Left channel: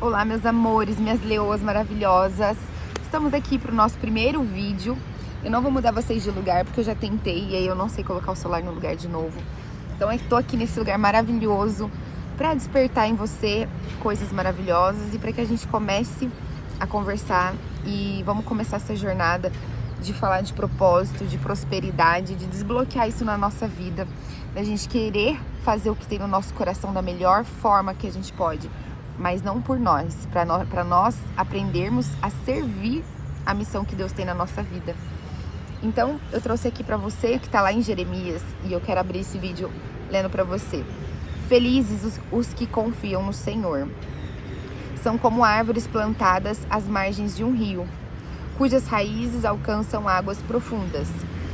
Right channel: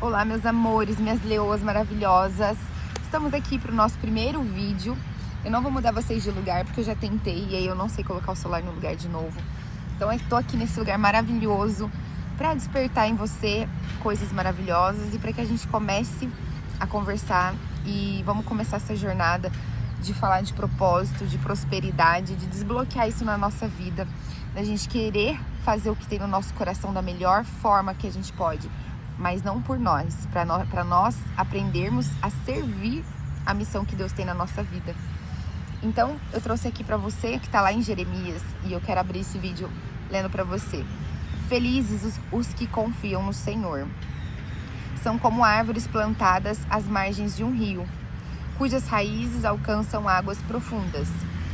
Olá, meus amores, minhas leoas maravilhosas. Estamos aqui para o nosso primeiro vídeo. Eu não vou mudar vocês de lugar porque eu já tentei e aí eu não sei colocar o celular no lugar de novo. Então eu estou aqui nesse lugar maravilhoso para despertar em você coisas maravilhosas e para que a gente comece a conversar e vamos começar essa jornada de falar de propósito, de prosperidade, de desbloquear isso na nossa vida, da gente querer fazer o que tem no nosso coração da melhor forma que a gente pode, mas não por nós, para nós aprendermos a servir a missão que Deus tem na nossa vida. Então, eu trouxe aqui para você que está lá em Jeremias e eu quero abrir esse vídeo lendo para você. Felizes os que confiam no Senhor. São como árvores plantadas às margens de um rio, cujas raízes alcançam águas profundas.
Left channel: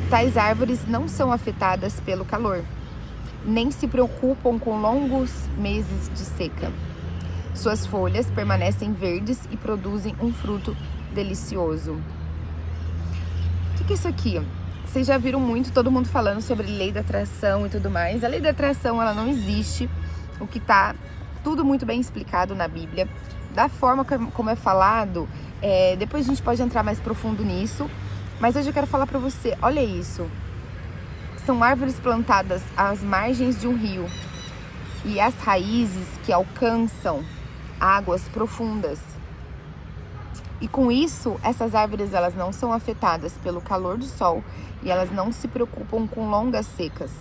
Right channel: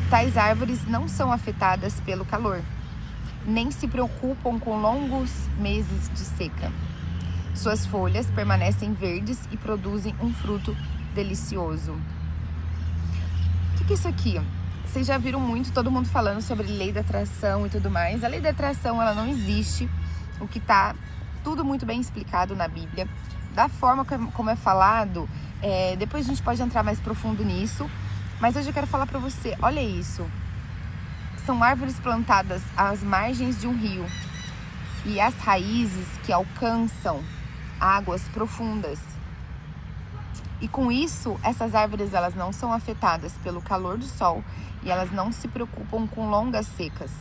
Tais árvores não são afetadas pelo calor, nem se preocupam com longos meses de seca. Suas folhas permanecem verdes e produzem um fruto delicioso. O que é isso aqui? Vocês já viram muito todo mundo falando sobre lei da atração e tudo mais. A lei da atração, ela não existe, o que tá tudo muito bem explicado na Bíblia. Da forma como é falado, depois a gente pode entrar mais profundo nisso, mas hoje eu quero falar pra você, olha isso. São árvores plantadas às margens de um rio e as raízes que alcançam águas profundas. E com isso, essas árvores elas não são afetadas pelo calor do sol e elas não se preocupam com longas secas.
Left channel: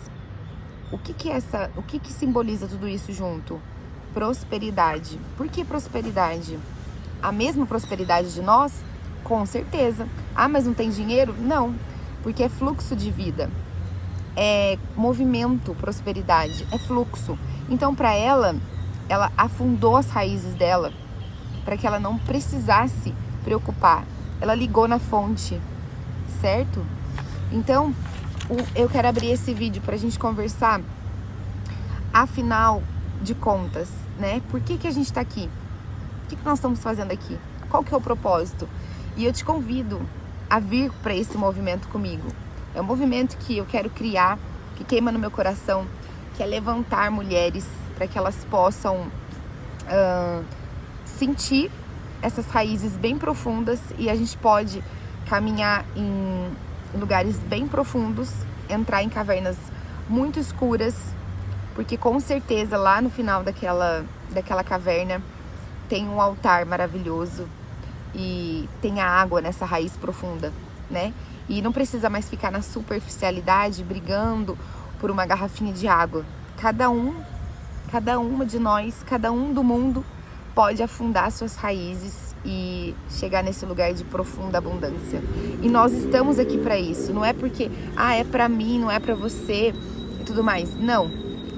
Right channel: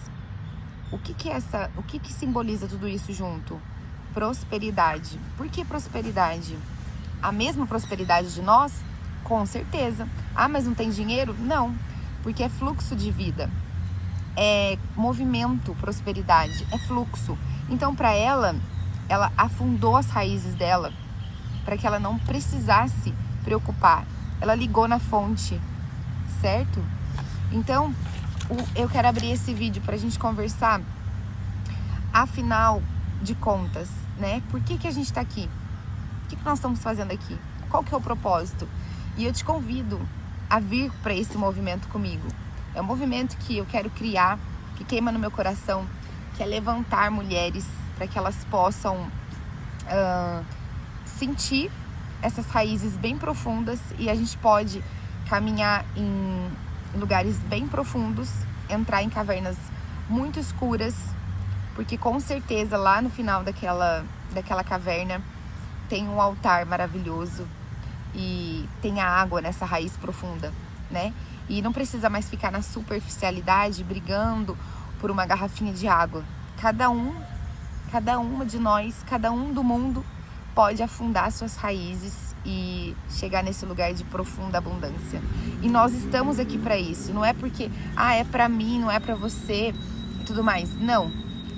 O que simboliza tudo isso junto? Prosperidade. Por que prosperidade? A mesma prosperidade de nós? Com certeza. Ah, mas não tem dinheiro? Não, porque é fluxo de vida. É movimento, prosperidade, é fluxo. Então, para ela afundou as raízes dela para que ela não precisasse preocupar. Ela ligou na fonte, certo? Então, eu quero abrir esse vídeo para a gente conversar. Afinal de contas, né? Por que a gente está aqui? O que nós estamos fazendo aqui? Qual que é o propósito? E eu te convido a vir para esse movimento comigo. É um movimento que eu quero criar, que queima no meu coração, que é levantar mulheres para que elas possam sentir essas raízes bem profundas e a gente pode caminhar em lugares bem profundos, entrar em cavernas muito escuras, porque com certeza lá no final daquela caverna tem um altar maravilhoso e tem a água nessa raiz profunda, né? E não precisa mais ficar na superficialidade, brigando por uma garrafinha de água. Cada uma de nós, cada um do mundo pode afundar suas raízes e chegar nesse lugar de profunda abundância. E nós estamos aqui para isso. Não é porque, é para mim, não é para você e tudo mais. Não,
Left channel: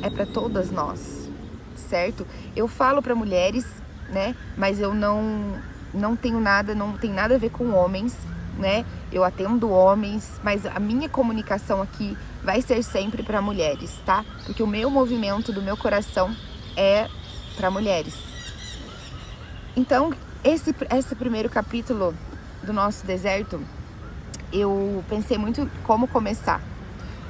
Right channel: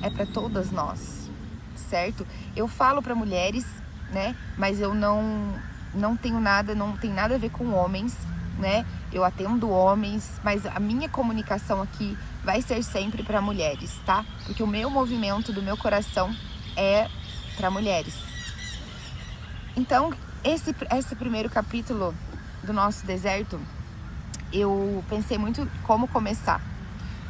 é para todas nós, certo? Eu falo para mulheres, né? Mas eu não tenho nada, não tem nada a ver com homens, né? Eu atendo homens, mas a minha comunicação aqui vai ser sempre para mulheres, tá? Porque o meu movimento do meu coração é para mulheres. Então, esse primeiro capítulo do nosso deserto, eu pensei muito como começar.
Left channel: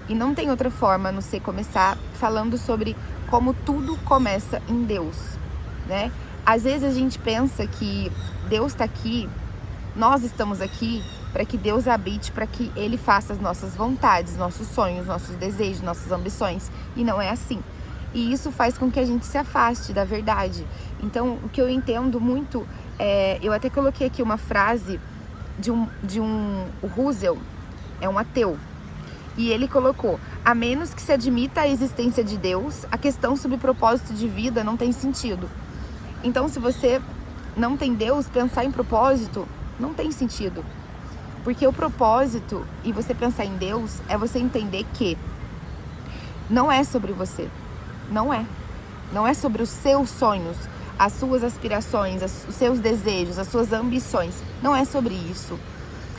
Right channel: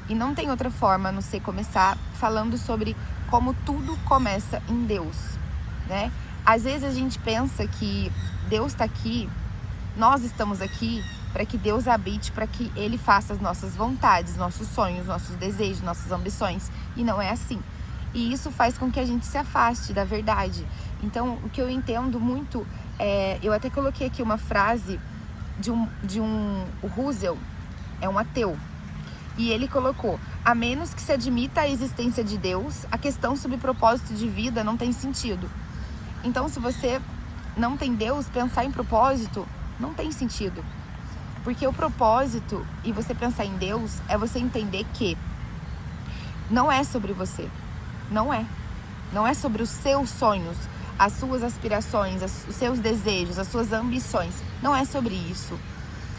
E não tem outra forma a não ser começar falando sobre como tudo começa em Deus, né? Às vezes a gente pensa que Deus está aqui, nós estamos aqui para que Deus habite, para que Ele faça as nossas vontades, nossos sonhos, nossos desejos, nossas ambições. E não é assim. E isso faz com que a gente se afaste da verdade. Então, o que eu entendo muito, eu até coloquei aqui uma frase de um Russell, é um ateu. E ele colocou, a menos que se admita a existência de Deus, a questão sobre propósito de vida não tem sentido. Então, se você não tem Deus, pensar em propósito não tem sentido. Porque o propósito, e você pensar em Deus, é você entender que não é sobre você. Não é. Não é sobre os seus sonhos, as suas aspirações, os seus desejos, as suas ambições. Não é sobre isso.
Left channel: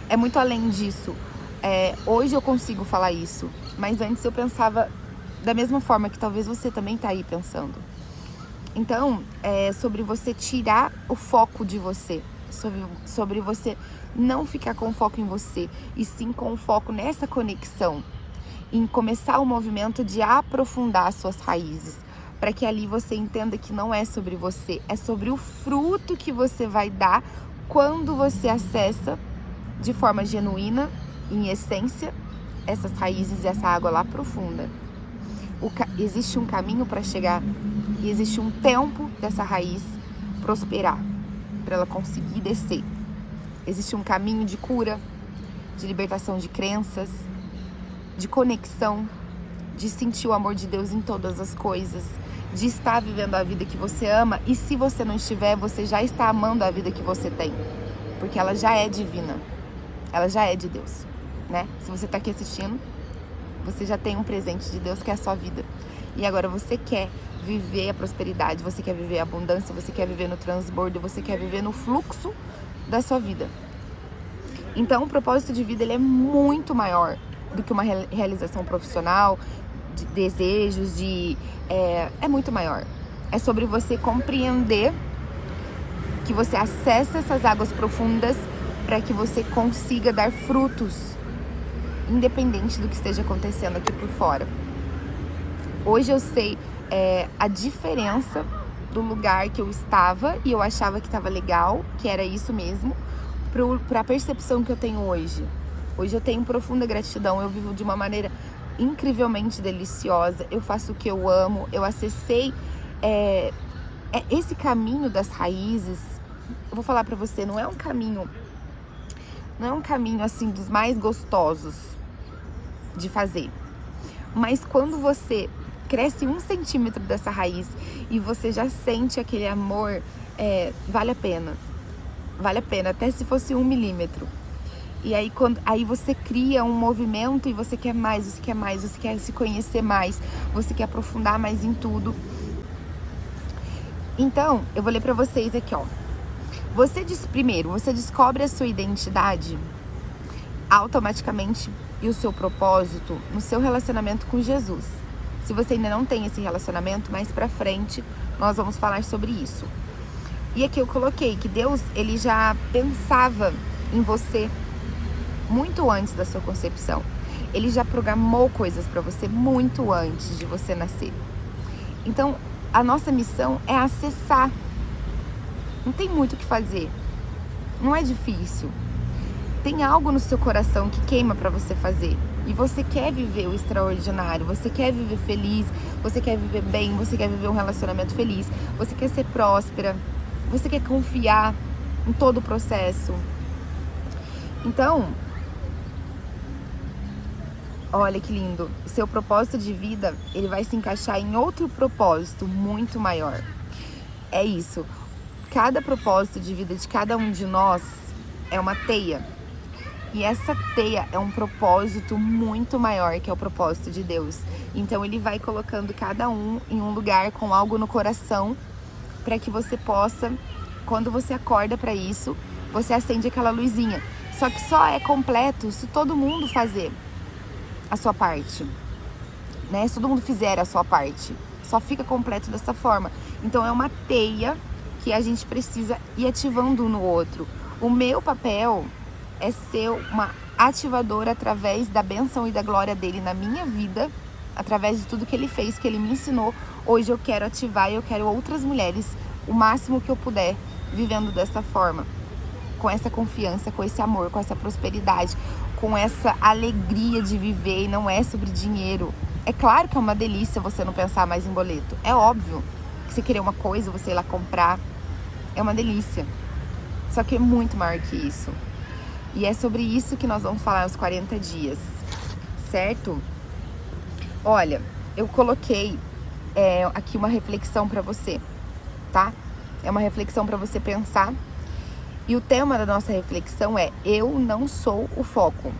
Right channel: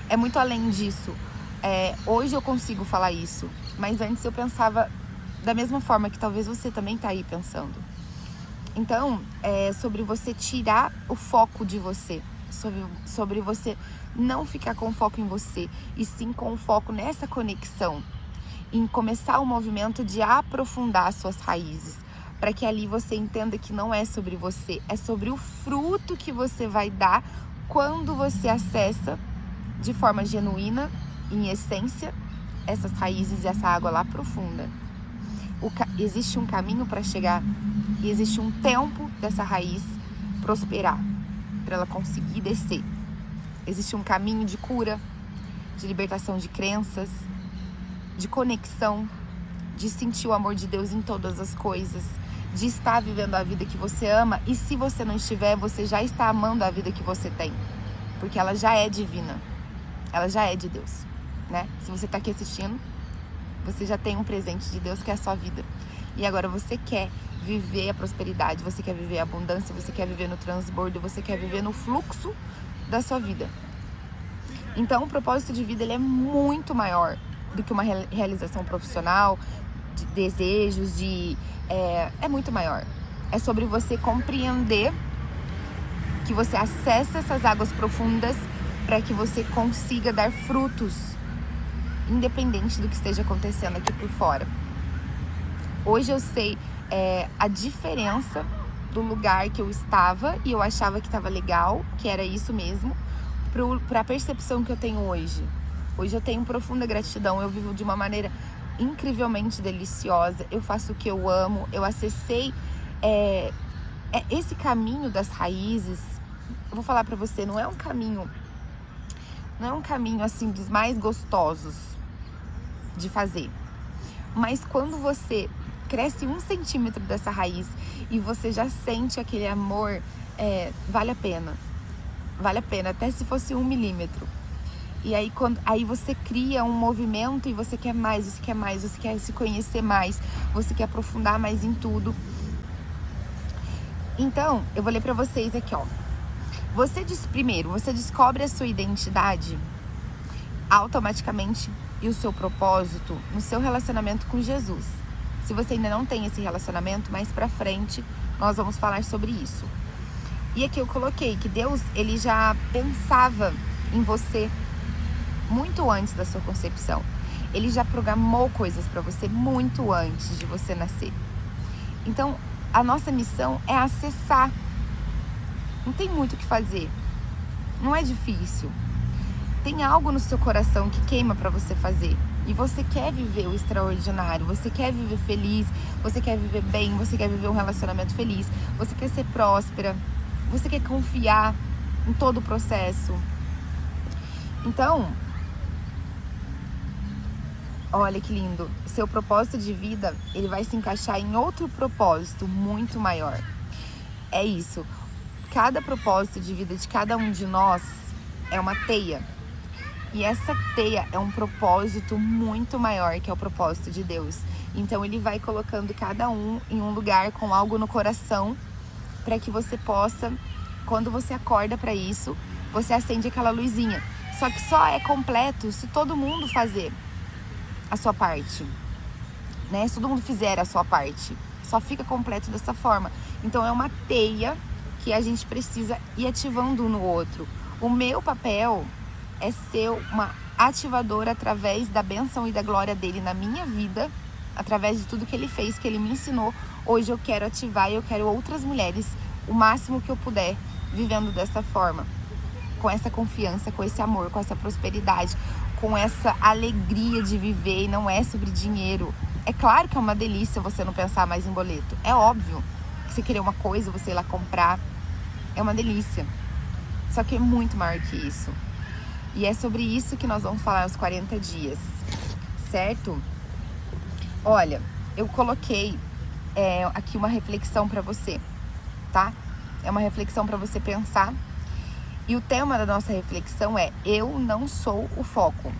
É muito além disso. Hoje eu consigo falar isso, mas antes eu pensava da mesma forma que talvez você também está aí pensando. Então, é sobre você tirar o foco de você, sobre você não ficar com foco em você, e sim com foco nessa conexão, em começar o movimento de aprofundar suas raízes, para que ali você entenda que não é sobre você, é sobre o fruto que você vai dar quando você acessa de forma genuína, em essência, essas raízes e essa água lá profunda. Existe um caminho para chegar, e existe um tempo dessa raiz prosperar, para ela conseguir descer. Existe um caminho de cura, de libertação de crenças, de conexão, de sentir o amor de Deus em todas as coisas, de estar vivendo a vida que você ama, e se você não estiver, você já está amando a vida que você tem, porque ela já é divina, ela já é de Deus, né? Se você está aqui assistindo, você já tem um presente de Deus que é a sua vida, e agora você quer viver a prosperidade, você quer viver a abundância, você quer viver no transbordo, você quer viver no fluxo da sua vida. Então o propósito de vida, ele é muito maior do que uma realização profissional, de desejos, é muito maior. É sobre você compreender que você acessa essas águas profundas para que você consiga dar frutos, independente do que esteja acontecendo aqui por fora. Hoje eu sei a diferença do lugar que eu estava e eu achava que estava legal, que era isso mesmo, para a percepção que eu tenho hoje. Hoje eu tenho profunda gratidão, eu vivo de uma maneira incrivelmente deliciosa, eu faço o que eu amo, eu acessei esse caminho das raízes. Eu vou falar pra você, não é um caminho assim dos mais gostosos de fazer, mas quando você cresce 1 centímetro dessa raiz e você já sente aquele amor, vale a pena, até se fosse 1 milímetro. E aí, aí você cria um movimento e você quer mais, você quer se conhecer mais, você quer aprofundar mais em tudo. Então, eu vou ler pra vocês aqui, ó. Primeiro, você descobre a sua identidade automaticamente e o seu propósito no seu relacionamento com Jesus. Se você ainda não tem esse relacionamento, mais pra frente nós vamos falar sobre isso. E aqui eu coloquei que Deus, ele já pensava em você muito antes da sua concepção. Ele já programou coisas para você muito antes de você nascer. Então, a nossa missão é acessar. Não tem muito o que fazer. Não é difícil. Tem algo no seu coração que queima para você fazer. E você quer viver o extraordinário, você quer viver feliz, você quer viver bem, você quer viver um relacionamento feliz, você quer ser próspera, você quer confiar em todo o processo. Então, olha que lindo, seu propósito de vida, ele vai se encaixar em outro propósito muito maior. É isso, cada propósito de vida de cada um de nós é uma teia. E essa teia é um propósito muito maior, que é o propósito de Deus. Então ele vai colocando cada um em um lugar com algo no coração, para que você possa, quando você acorda para isso, você acende aquela luzinha. Só que só é completo se todo mundo fazer a sua parte, né? Se todo mundo fizer a sua parte, só fica completo dessa forma. Então é uma teia que a gente precisa ir ativando um no outro. O meu papel é ser uma ativadora através da bênção e da glória dele na minha vida, através de tudo que ele fez, que ele me ensinou. Hoje eu quero ativar e eu quero outras mulheres, o máximo que eu puder, vivendo dessa forma, com essa confiança, com esse amor, com essa prosperidade, com essa alegria de viver. E não é sobre dinheiro. É claro que é uma delícia você não pensar mais em boleto. É óbvio que você querer uma coisa, você ir lá comprar, é uma delícia. Só que é muito maior que isso. E é sobre isso que nós vamos falar nos 40 dias, certo? Olha, eu coloquei aqui uma reflexão para você, tá? É uma reflexão para você pensar. E o tema da nossa reflexão é: eu não sou o foco.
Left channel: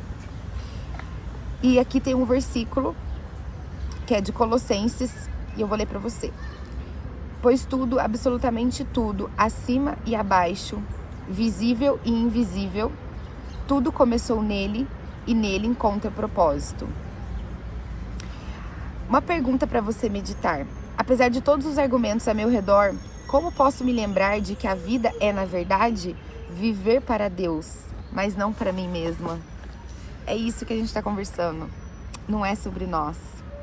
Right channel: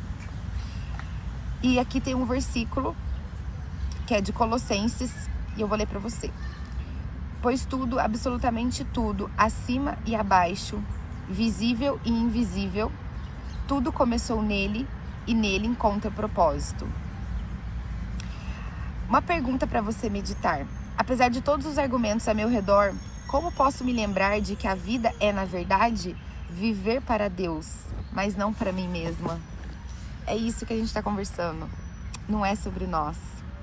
E aqui tem um versículo que é de Colossenses, e eu vou ler para você. Pois tudo, absolutamente tudo, acima e abaixo, visível e invisível, tudo começou nele e nele encontra propósito. Uma pergunta para você meditar. Apesar de todos os argumentos a meu redor, como posso me lembrar de que a vida é, na verdade, viver para Deus, mas não para mim mesma? É isso que a gente está conversando. Não é sobre nós.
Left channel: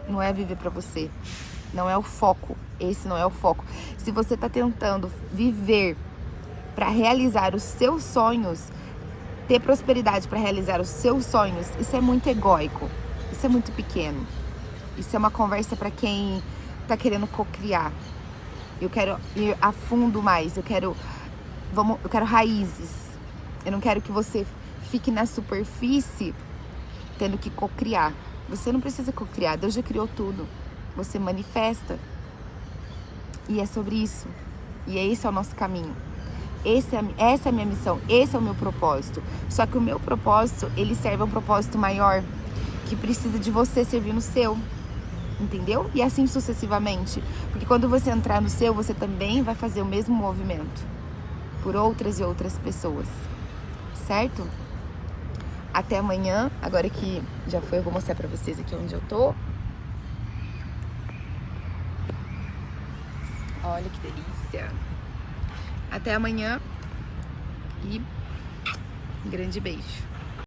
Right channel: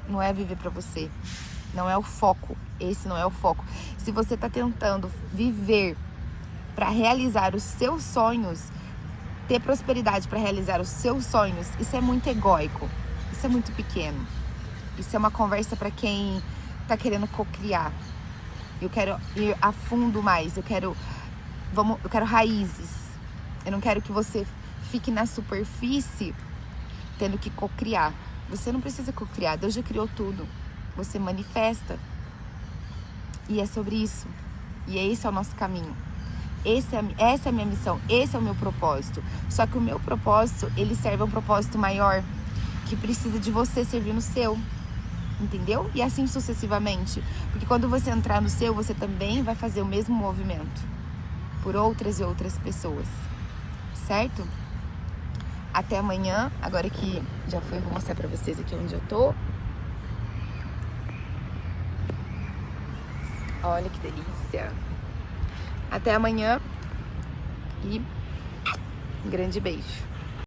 Não é viver para você. Não é o foco. Esse não é o foco. Se você tá tentando viver para realizar os seus sonhos, ter prosperidade para realizar os seus sonhos, isso é muito egóico. Isso é muito pequeno. Isso é uma conversa para quem tá querendo cocriar. Eu quero ir a fundo mais. Eu quero raízes. Eu não quero que você fique na superfície tendo que cocriar. Você não precisa cocriar. Deus já criou tudo. Você manifesta. E é sobre isso. E esse é o nosso caminho. Essa é a minha missão. Esse é o meu propósito. Só que o meu propósito, ele serve a um propósito maior, que precisa de você servir no seu. Entendeu? E assim sucessivamente. Porque quando você entrar no seu, você também vai fazer o mesmo movimento por outras e outras pessoas. Certo? Até amanhã. Agora que já foi, eu vou mostrar pra vocês aqui onde eu tô. Olha que delícia. Até amanhã. E um grande beijo.